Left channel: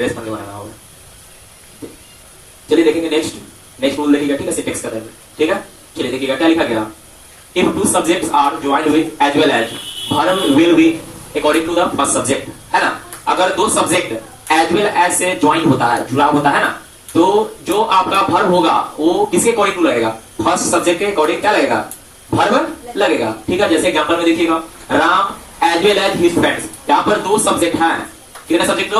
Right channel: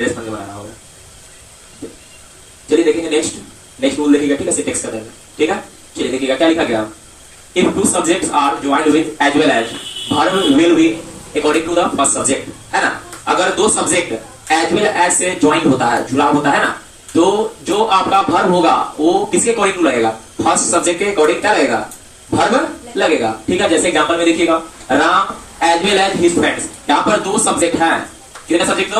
Dress पहन के बनाना होगा। चलिए देखेंगे नेक्स्ट रूल देखिएगा, ठीक है, सिंटेक्स का। ठीक है, चलिए देखिएगा क्या लिखा गया। If two subjects are joined with as well as, verb will be according to the first subject, है ना। अगर दो सब्जेक्ट एज वेल एज से ज्वाइंट होता है, जुड़ा होता है ना, तो जो आपका वर्ब होगा वो किसके अकॉर्डिंग टू लगेगा? फर्स्ट सब्जेक्ट के अकॉर्डिंग क्या लगेगा? वर्ब लगेगा। ठीक है, जैसे एग्जांपल में देखिएगा, Ram as well as his friends. यहाँ पर दो सब्जेक्ट है, कितने सब्जेक्ट?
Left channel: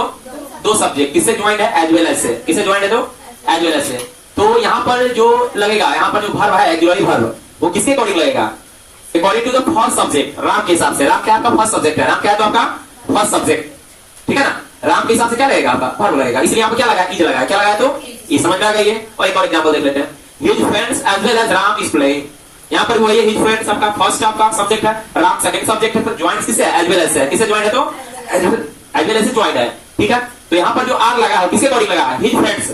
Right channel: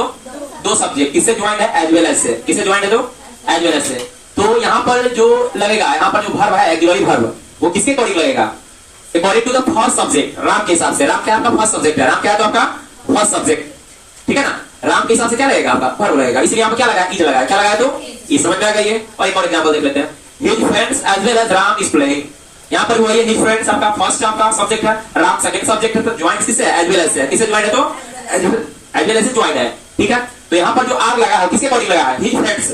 दो सब्जेक्ट। किससे ज्वाइंट है? एज वेल एज से। किससे ज्वाइंट है? तो एज वेल एज से। तो यहाँ पर जो लगेगा, यहाँ पर जो वर्ब है ऑक्सिलरी वर्ब, वो किसके अकॉर्डिंग लगेगा? According to the first subject, Ram के हिसाब से। राम क्या आपका फर्स्ट सब्जेक्ट है, राम क्या है तो आपका फर्स्ट सब्जेक्ट, ठीक है ना। राम के हिसाब से क्या लगेगा? आपका वर्ब लगेगा। इसलिए यहाँ पर क्या लगा? इज लगाया। क्या लगाया? तो इज। समझ में आ गई है। और एक और एग्जांपल देख लेते हैं। His friends as well as Ram is playing. यहाँ पर वही हिज फ्रेंड्स आपका फर्स्ट आपका सब्जेक्ट है, राम सेकंड सब्जेक्ट है, तो ज्वाइंट किससे? एज वेल एज से। किससे ज्वाइंट है? तो एज वेल एज से ज्वाइंट है, ठीक है। तो यहाँ पर जो आर लगा है किसके अकॉर्डिंग लगा है? His friends.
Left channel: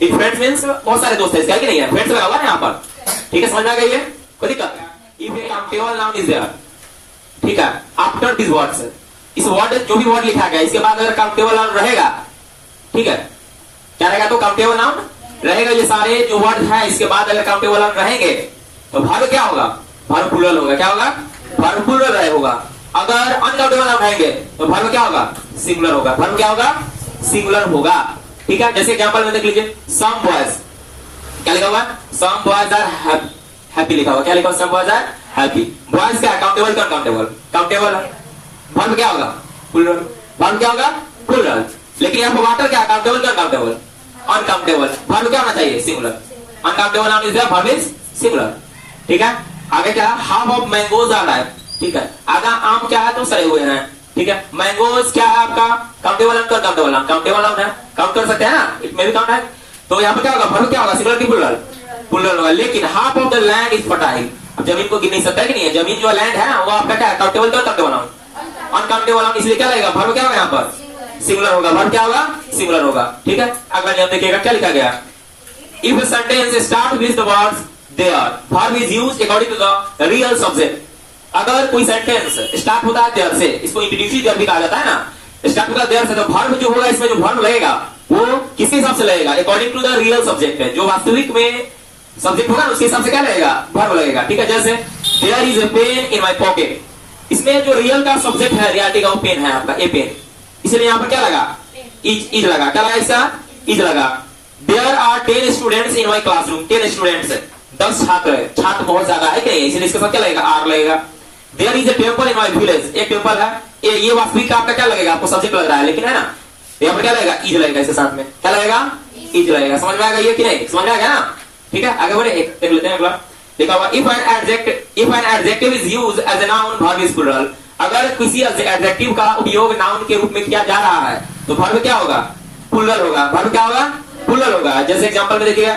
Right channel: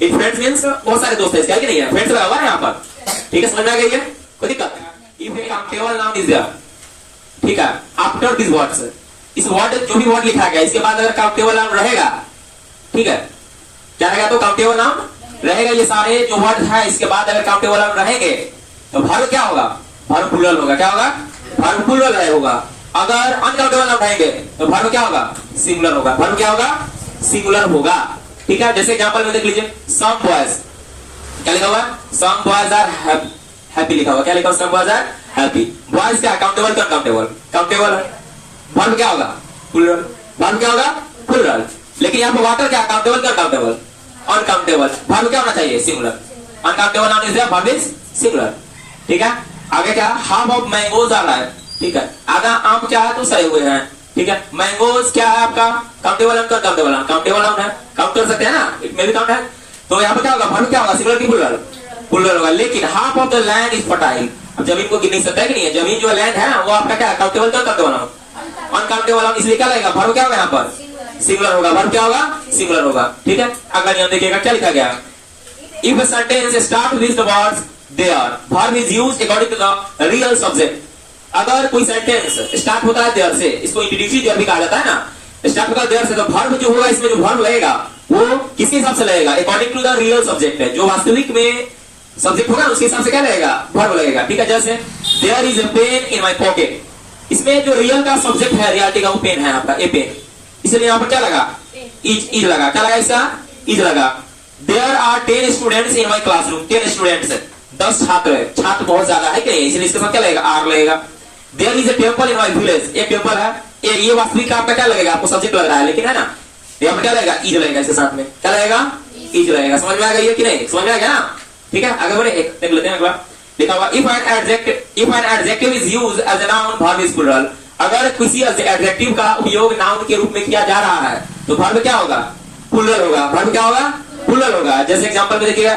His friends means बहुत सारे दोस्त है इसका, कि नहीं है? फ्रेंड्स लगा हुआ है यहाँ पर, ठीक है। समझ में आ गई है, कोई दिक्कत? If a countable noun is there, ठीक है, आफ्टर दिस वर्ड्स, इस वर्ड जो भी वर्ड लिखा गया इसके बाद अगर काउंटेबल नाउन रहेगा, ठीक है, क्या रहेगा? तो काउंटेबल नाउन रहेगा। ये सारे जो वर्ड है इसके बाद अगर काउंटेबल नाउन रहेंगे तो वर्ब क्या होगा? वर्ब प्लूरल होगा। क्या होगा? वर्ब प्लूरल होगा। अगर अनकाउंटेबल नाउन रहेंगे तो वर्ब क्या होगा? सिंगुलर होगा। वर्ब क्या होगा? सिंगुलर होगा, ठीक है। जैसे एग्जांपल में देख लीजिए, सम बॉयज, क्या लिखा हुआ? सम बॉयज आर हैप्पी लिखा हुआ। क्या लिखा हुआ? Some boys are happy. Boys क्या? काउंटेबल का अनकाउंटेबल? काउंटेबल है। वर्ब क्या होगा? प्लूरल। वर्ब क्या होगा? प्लूरल। लेकिन यहाँ पर वाटर क्या? काउंटेबल का अनकाउंटेबल? अनकाउंटेबल। वर्ब क्या होना चाहिए? Singular. Uncountable noun is there, verb is singular, ठीक है। आगे क्या? Half of mangoes are ripe, ठीक है। आगे आम क्या है? तो सड़े हुए हैं, ठीक है। मैंगोज क्या है आपका? Countable noun, countable noun, countable noun है, काउंट कर सकते हैं ना, इट मे बी काउंट है। तो यहाँ पर क्या होगा? वर्ब क्या होगा? सिंगुलर की प्लूरल? प्लूरल होगा। लेकिन half of the land is fertile, अब जमीन को गिन नहीं सकता है, कि नहीं है? जमीन जो लैंड है ना वो आपका क्या है? काउंटेबल का काउंटेबल नाउन? Uncountable noun. इसलिए क्या लगेगा? वर्ब क्या होगा? यहाँ पर सिंगुलर होगा। वर्ब क्या होगा? सिंगुलर होगा, ठीक है। अगला नियम देखिएगा क्या लिखा गया। If a sentence start with the words there, verb is used according to the real subject. अगर कोई सेंटेंस स्टार्ट होता है देयर से, इसको इंट्रोड्यूसिव देयर भी कहा जाता है ना, स्टार्ट होता है देयर से, तो वर्ब जो होगा इसमें जो वर्ब लगेगा वो किसके हिसाब से लगेगा? According to the real subject है। जो वास्तविक में सब्जेक्ट होगा उसके हिसाब से क्या लगेगा? वर्ब लगेगा, ठीक है। जैसे there is a pen in my pocket, इसमें जो रियल का सब्जेक्ट है, रियलिटी का वो पेन है आपका, ए पेन, इसलिए यहाँ पर क्या लगा? इज लगा। क्या लगा? इसका इज लगा। There are 10 students in my classroom, 10 students, 10 छात्र है, छात्र बहुत ज्यादा है, क्या? इसलिए इसके साथ क्या लगेगा? आर लगेगा। There is a temple in my village, एक टेम्पल है, ये वास्तविक आपका क्या लगेगा? आपको सब्जेक्ट लग रहा है, लेकिन है ना, यहाँ पर क्या लगेगा? इज लगेगा। इसके साथ में क्या लगेगा? इज लगेगा। समझ में आ गई है कि नहीं? समझ में आ गया ना, ठीक है। आगे बढ़े, एक देख लेते हैं अगला। लिखा हुआ if an adjective is used as a noun, verb is plural. अगर किसी एडजेक्टिव का उपयोग नाउन के रूप में किया जा रहा है तो वर्ब क्या होगा? प्लूरल होगा। वर्ब क्या होगा? प्लूरल होगा। जैसे एग्जांपल में देखिएगा,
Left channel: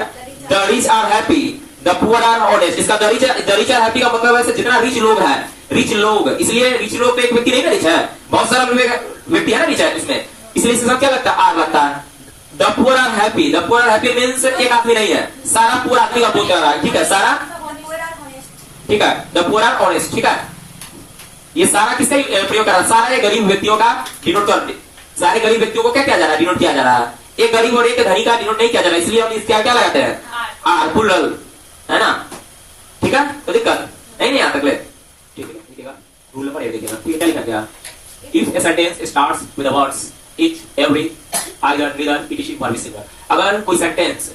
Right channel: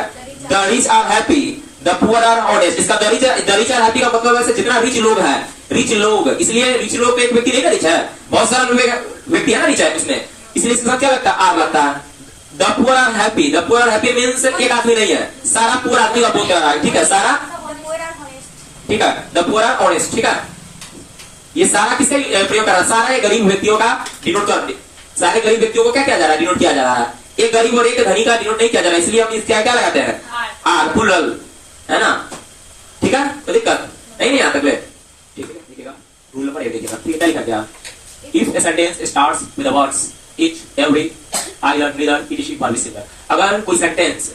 the rich are happy, the poor are honest. इसका द रिच आर हैप्पी का मतलब है जितना रिच लोग हैं, रिच लोग, इसलिए रिच लोग पे एक व्यक्ति नहीं ना रिच है, बहुत सारा व्यक्ति है ना रिच है इसमें, इसलिए इसके साथ क्या लगता है? आर लगता है। The poor are happy, the poor are happy means एक आदमी नहीं है, सारा पूरा आदमी का बोल कर रहा है, ठीक है। सारा, ठीक है, द पुअर आर ऑनेस्ट, ठीक है। ये सारा किसका प्रयोग कर रहा है? सारे गरीब व्यक्तियों का डिनोट कर, सारे गरीब व्यक्तियों को क्या किया जा रहा है? डिनोट किया जा रहा है। एक गरीब और एक धनी का डिनोट नहीं किया जा रहा है, इसलिए हम इसका क्या लगाते हैं? आर, प्लूरल, है ना, ठीक है। तो दिक्कत नहीं आता तक ले, ठीक है। देखिएगा रूल नंबर 1 देखिएगा, ठीक है। क्या लिखा गया? If a sentence starts with the words etch, every, either, neither, it is, verb is singular. अगर कोई सेंटेंस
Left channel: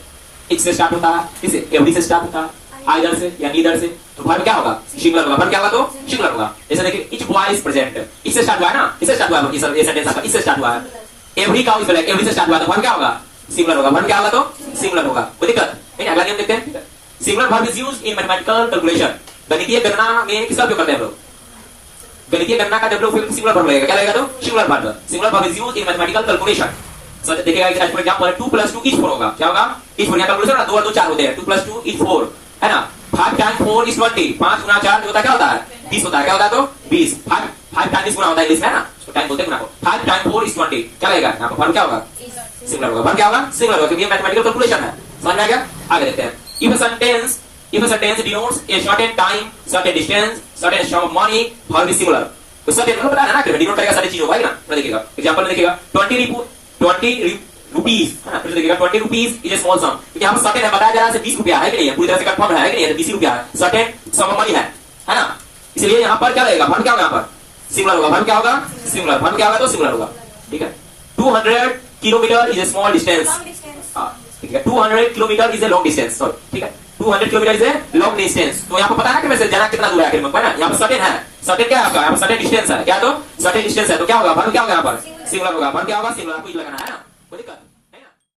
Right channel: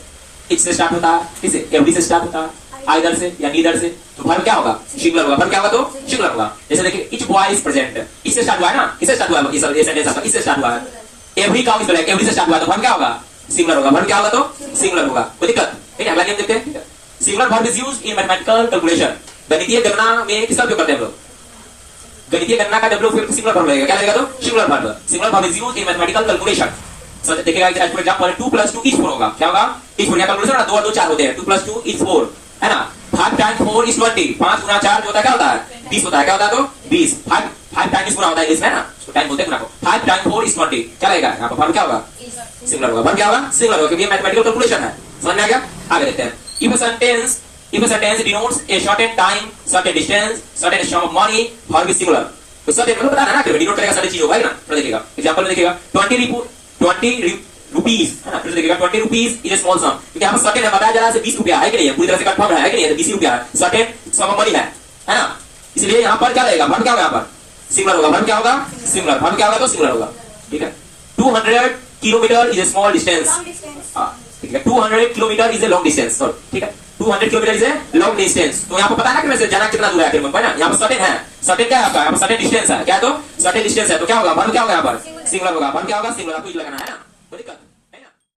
इच से स्टार्ट होता है, किससे? एवरी से स्टार्ट होता है, आइदर से या नीदर से, तो वर्ब क्या होगा? सिंगुलर होगा। वर्ब क्या होगा? तो सिंगुलर होगा। जैसे देखिए, इच बॉय इज प्रेजेंट, इससे स्टार्ट हुआ है ना, इससे स्टार्ट हुआ है, इस सेंटेंस आपका इससे स्टार्ट हुआ है। Every cow is black, every से स्टार्ट हुआ है, तो वर्ब क्या होगा? सिंगुलर होगा। वर्ब क्या होगा? तो सिंगुलर होगा। कोई दिक्कत नहीं। अगला नियम देखते हैं। Singular verb is used in mathematical calculation, गणितीय गणना में किसका उपयोग करते हैं हम लोग? गणितीय गणना का जब लोग सिंगुलर वर्ब लगेगा, क्या लगेगा? तो singular verb. Singular verb is used in mathematical calculation. So देखिएगा, एज फॉर एग्जांपल 2 + 2 = 4 होगा। क्या होगा? इज 4 कैलकुलेशन ना, 2 और 2 4 होते हैं, 2 + 2 = 4, है ना। 5 × 4 = 20, 5 × 4 जो होता है क्या होता है? 20 होता है। क्या होता है? तो 20। 5 टाइम्स गुना होता है इंग्लिश में ना, उसको टाइम बोलते हैं गुना को। 5 × 4 = 20, क्या लगेगा? यहाँ पर वर्ब क्या होगा? सिंगुलर होगा। वर्ब क्या होगा? सिंगुलर होगा, क्योंकि ये मैथमेटिकल कैलकुलेशन है। समझ में आ गया? आगे देखते हैं। If a sentence denotes a certain time, certain distance, certain sum of money, verb is singular। तो certain मतलब पता है ना, कि डिनोट करेगा सारी चीज होगा ना। तो देखिएगा एग्जांपल में देखिएगा, 20 20 रुपीज है ना, फिर से देखिएगा 20 रुपीज इज ए स्मॉल सम, क्योंकि यहाँ पर सर्टेन है, बताया जा रहा है 20 रुपया है कि नहीं है, पूरी तरह से कंफर्म है कि नहीं है, 20 रुपया है, सर्टेन सम ऑफ मनी है ना, इसलिए यहाँ पर क्या रहेगा, वर्ब क्या होगा, यहाँ पर सिंगुलर होगा, वर्ब क्या होगा, सिंगुलर, वर्ब क्या होगा तो सिंगुलर होगा, ठीक है। 200 kilometre is a small distance, ठीक है, 200 kilometre is a long distance, ठीक है, 200 kilometre is a long distance. तो यहाँ पर पता है कि वैसे जाना कितना दूर है आखिर में, ना, यहाँ पर सर्टेन है, सर्टेन क्या है आपका, यहाँ पर सर्टेन डिस्टेंस है, क्या तो सर्टेन डिस्टेंस है, तो क्या होगा, वर्ब क्या होगा यहाँ पर सिंगुलर होगा, वर्ब क्या होगा सिंगुलर, आपको लगाना है ना, कोई दिक्कत